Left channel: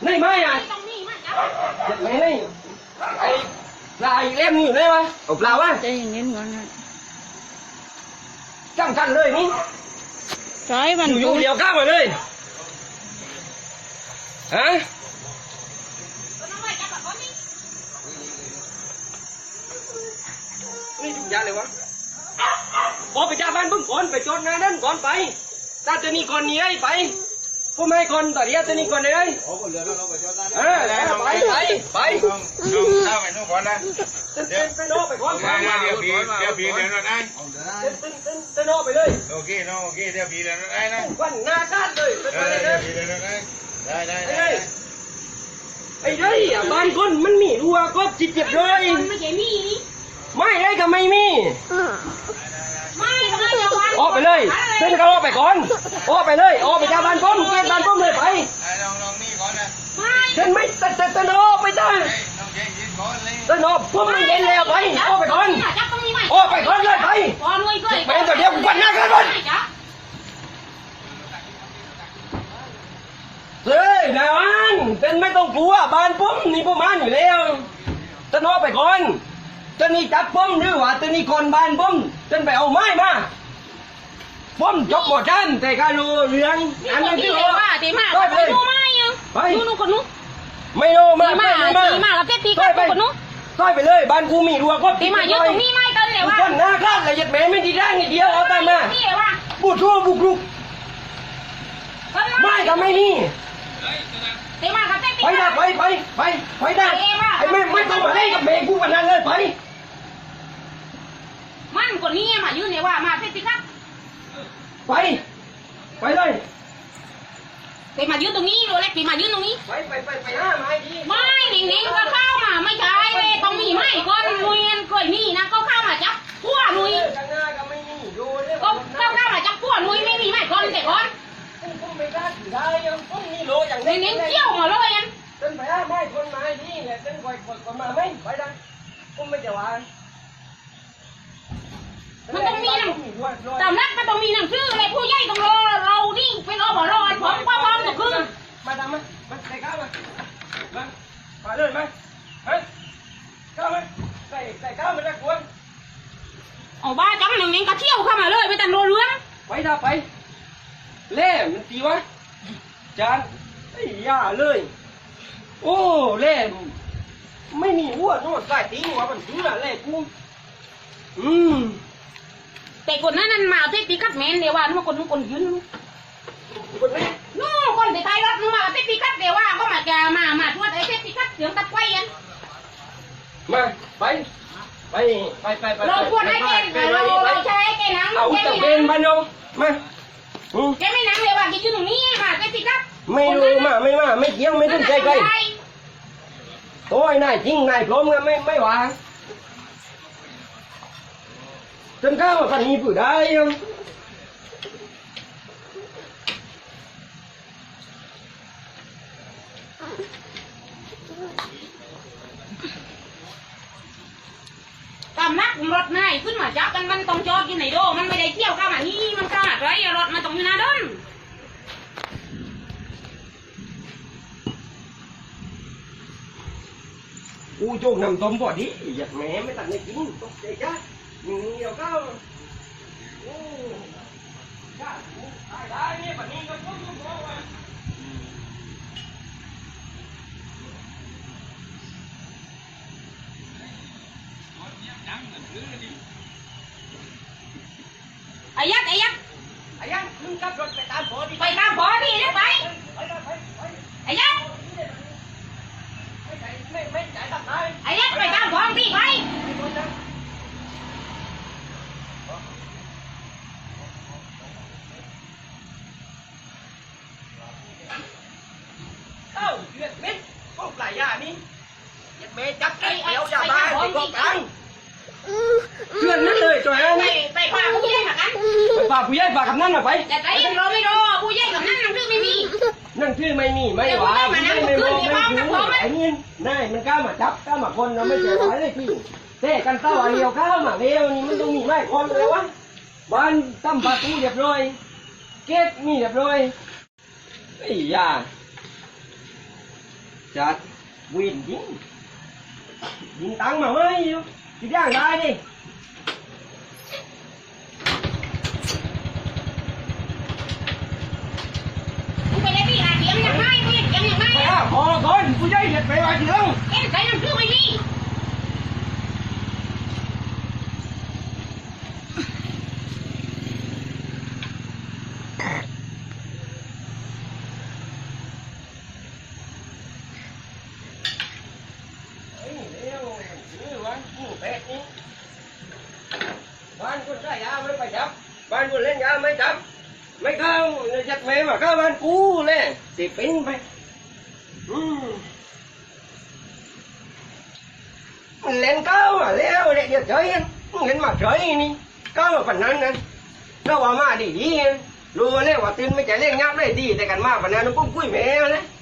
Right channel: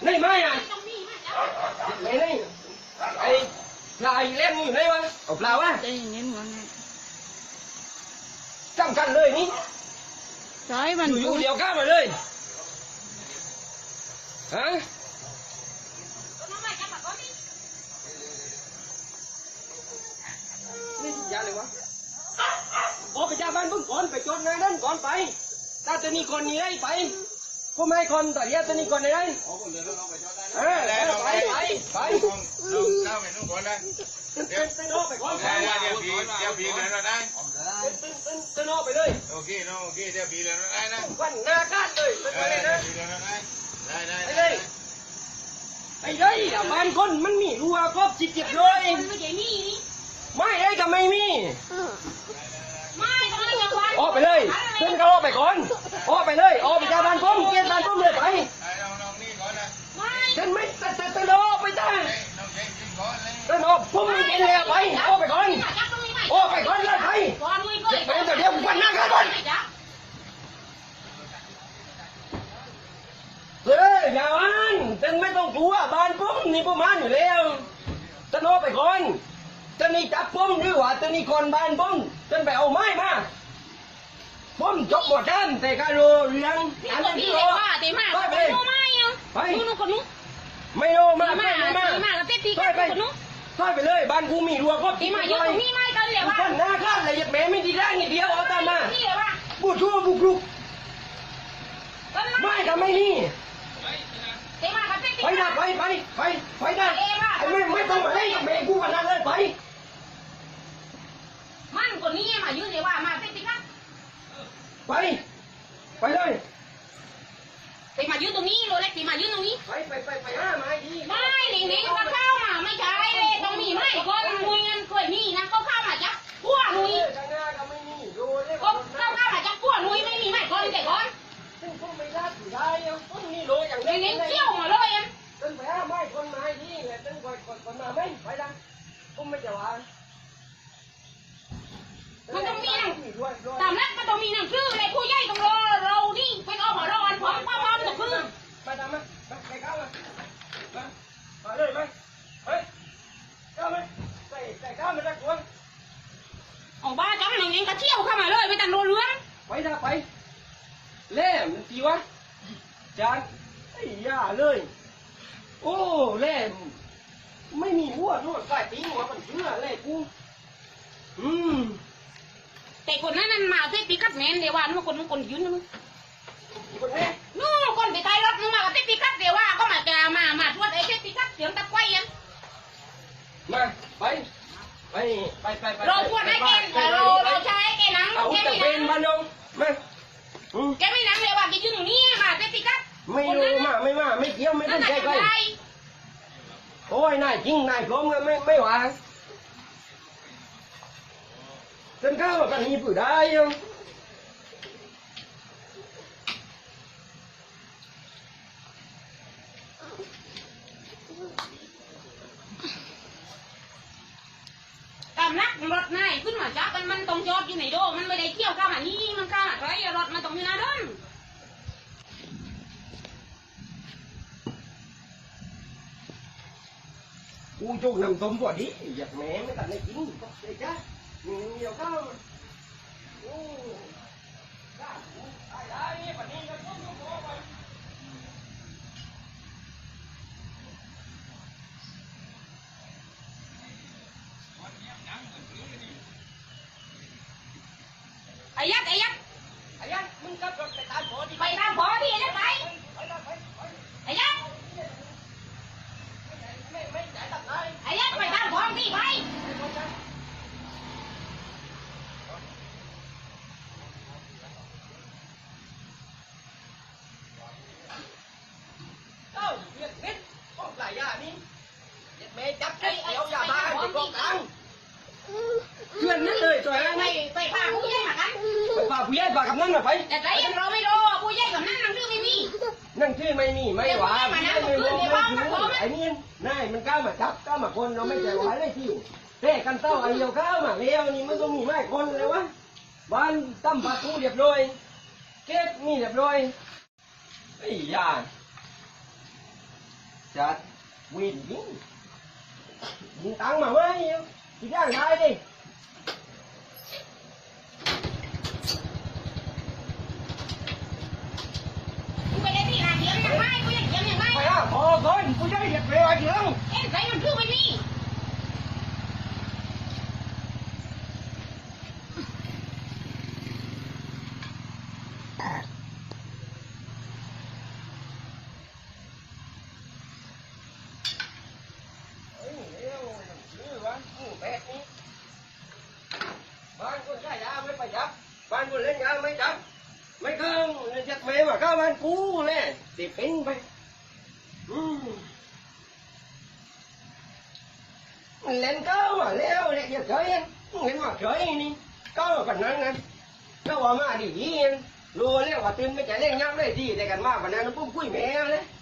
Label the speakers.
Speaker 1: นี่ไม่อ่ะไม่นี่ไอ้ปลาอีกเล่มอยู่ไหนวะเอาปลาวะ
Speaker 2: ใจเย็นๆก่อนนะ
Speaker 1: จังกันเลยนี่
Speaker 2: ใช่มัน
Speaker 1: อยู่เดียวข้ามมาเลยฮะนี่จุกยาเลยวะออกไปจากบ้านเพิ่งก่อนไปจดงานนั่นก่อนไปถ้าตัวนี้ก่อนนี้ได้ไปพวกไม่ก่อนต่อเดียวตัวนี้ก่อนได้ไป
Speaker 3: เข้าไปนู่นก่อนนะ
Speaker 1: เป็นนอกไปก่อน
Speaker 3: เดี๋ยวผีเดี๋ยวนั่นได้
Speaker 1: เป็นนอกไปเลย
Speaker 3: โอเคเนาะโอเคเดี๋ยวผีเดี๋ยวนั่นได้นะ
Speaker 1: วันหน้าคาดเลยเป็นไปเลยนะ
Speaker 3: ผีเดี๋ยวนั่นได้ได้
Speaker 1: ไอ้เด้ยบ้านคนมันมีรัวก็จิตเจ็บเลย
Speaker 4: ไม่ใช่มีนี่
Speaker 1: ไม่ได้ก็ไม่มี
Speaker 4: ไม่ทำไมจะวัน
Speaker 1: ออกไปเลยเส้นเขาออกไปก่อนออกไปเลยออกไปจากบ้านป้อมเกณฑ์บ้านป้อมเลยไป
Speaker 3: ลองนี่ก่อนนะ
Speaker 4: ไม่
Speaker 1: เส้นไม่เส้นออกไปจ้า
Speaker 3: ต้องเช็คยิงก่อนเลย
Speaker 1: เส้นออกป้อมเย็นแล้วไปออกไปก่อน
Speaker 4: จับตรงนี้ไหม
Speaker 1: ออกไปก่อนเลยไป
Speaker 4: ก่อนเลยก่อน
Speaker 1: แม่ตัวเดียววันหน้ากันก่อนเฮ้ยนายวันเป็นไม่ต้องกลัวบ้านป้อมนี่ป้อมมันอยู่แล้วเส้นออกไปก่อนเส้นนี้จับป้อมหรือว่าเส้นนี้คนบ้านป้อมเส้นไปเอาไม้มาป้อมจบหมดกันแต่การรู้เรื่อง
Speaker 4: นี่
Speaker 1: อัน
Speaker 4: ค
Speaker 1: นั้น น
Speaker 4: ที่
Speaker 1: ที่
Speaker 4: เล
Speaker 1: รู้
Speaker 4: ยว่าเตมา
Speaker 1: ไป
Speaker 4: ไป
Speaker 1: เลย
Speaker 4: ดูไม่ยัง
Speaker 1: ไป
Speaker 4: นู่นคนนู้น
Speaker 1: ไม่รู้มา
Speaker 4: ตีมากับเต้ตีกันคนนู้น
Speaker 1: ต้อยไปเลยบ้านกูมีรัวก็
Speaker 4: ตีมายืนตรงนี้ไม่ตอนเดี๋ยว
Speaker 1: ทุก
Speaker 4: ว่า
Speaker 1: คนหน้าคลาดเลยยัดแม่ไม่ดีร่างนิดเดียวเอาตามมา
Speaker 4: นี่ว่า
Speaker 1: บุกรุกไม่ก็ไม่มี
Speaker 4: ตีมากับเต้ตี
Speaker 1: ไปได้ไปได้ไอ้ไม่ต้องมาเล่นกับแม่กูกันนั้นเลยไป
Speaker 4: มันคนนี้มายืนเนี่ยว่ามาเต้ตีกัน
Speaker 1: ไปเลย
Speaker 4: ตีมายืนตรงนี้เลยตีมายืนตรงนี้
Speaker 1: ไปห้าไม้ดี
Speaker 4: ไม่หนิงๆก็เข้ามาไม่ใช่เลยต้องมีไม่ก่อนลุยเงินเคยมีนะเขาเข้ามาจับพัวลุย
Speaker 1: ข้างหน้าก็ไม่มีดูเลย
Speaker 4: ก็เข้ามาจับพัวลุยไม่มีไม่ก่อนแต่ก่อน
Speaker 1: ผมไม่ได้ถือได้ยังผมนี่โลอย่าง
Speaker 4: หนิงๆเที่ยวมาเลยอัน
Speaker 1: เป็นไปห้าไม้คนไม้ดีแหละเป็นคนมาไม่ไปได้ผมไม่จะว่า
Speaker 4: มันต้องมีหนังตามนักมันต้องมีหนังชื่ออะไรผู้ใหญ่ต้องรอเรานี่เป็นอบรอนผมก็พร้อมจะคืน
Speaker 1: มาทำมาใส่ข้าวมาเลยมาเฮ้ยข้าวมาใส่ข้าวมาได้กวน
Speaker 4: เอาบ้าจังหนิงๆก็เที่ยวเข้ามาเลยไม่ตันรัวเรื่อง
Speaker 1: ไปถ้าไปเล่มันตีวะจานไอ้ย่าเลยโอ้เล่ไม่มีหัวโน่นใส่ตีหัวมันเชื่อเล่กู
Speaker 4: แต่คนนั้นมาเทปีกัดแมนเดี๋ยวว่านึกว่าคนยืนนู้น
Speaker 1: คนนี้
Speaker 4: นู่นคนไปไทยรถนึกมาเทปีกัดเดี๋ยวว่าก็มาจะมาช่วยไอ้เทปีกัดเสียงตะไคร้ยัน
Speaker 1: มาไป
Speaker 4: เราควรให้แกเราใช้แกนัง
Speaker 1: เอาตะเป็นบ้านน้องมา
Speaker 4: แกไม่นังเดี๋ยวว่าแกยืนตรงนี้มาเทปีกัด
Speaker 1: ไม่รู้ไม่เกี่ยวไม่ต้องใจใครโอ้ยนายจริงนายพร้อมกันไม่วางจนข้าวมันมีผู้ได้ยัง
Speaker 4: ตามนักรถนายขึ้นมาจับกันมันต้องจอดอยู่ในโดมันไม่ได้เที่ยวเข้ามานี่มันข้าไรรถมันต้องอยู่หน้าด้น
Speaker 1: กูโจกนำต้มบ่อดิอยากแม่ไม่ตัดในกินตกใจจ้าหนึ่งเดียวก็โอ้จ้าได้เนี่ยปัจจุบันก็ต้องบอกว่า
Speaker 4: ไอ้ยักษ์
Speaker 1: ไอ้ยันมึงขับรถไปตามบ่อดิ
Speaker 4: ไปตามพอพี่เนี่ยไปไอ้ยักษ์
Speaker 1: ไม่จ่ายตัดได้
Speaker 4: ไอ้ยักษ์ไปตามพอพี่ไป
Speaker 1: เต้าเดือดเม็ดก็ปลายยานี่ยัดแม่จับเดี๋ยวยาบ้าไปกองกลางเชื่อนนั่นเลยจ่อยนะ
Speaker 4: ไปป่าผู้ใหญ่มากัน
Speaker 1: ไปป่าผู้ใหญ่ป่ากับนั่นมาไป
Speaker 4: แต่ใจเราไม่รอผู้ใหญ่กับนั่นนั่งดื้อไม่มี
Speaker 1: นั่นชื่อไม่มีไม่หวาไม่รู้ไม่รู้ไอ้นี่นายมันกล้ามาจับกล้ามาคนเราไม่เจอไว้เลยที่เต้กันเต้าเดียวข้าวมาเดียวนี่มันต้องมีไม่คนเลยวะบ้านตั้มประตูเรียบร้อยเก๊กนี่เรียบร้อยไอ้ยาจัดวินยิงตังค์มาไหมที่ย่างได้ดิ
Speaker 4: มึงไปเลยพี่หาเสียงอย่างไรมึงเสียงอย่างไร
Speaker 1: ไปอ่ะพอคนผู้ใหญ่เด็ดไปไว้เถียง
Speaker 4: เอ็นใส่น้ำผึ้งไม่มี
Speaker 1: เฮ้ยเร็วซื้อวะหมูเป็ดนี่บ้านคนได้ยาไม่ไปจับบ้านคนเล่นยาไม่จับไม่เข้าเลยจัดแม่มาเข้าบ้านกูเลยสิปิ้นไปมันเล่นเก้ามาแล้วเนี่ยเดี๋ยวเฉยมันเล่นมาเฉยนี่เก้ามาปันนั้นนะแล้วว่ามาดีๆรู้แล้วว่าตื่นไม่ใจเล่นยับได้ดีแต่กันมาปันนั้นปุ๊บกุ้ยแม่เลย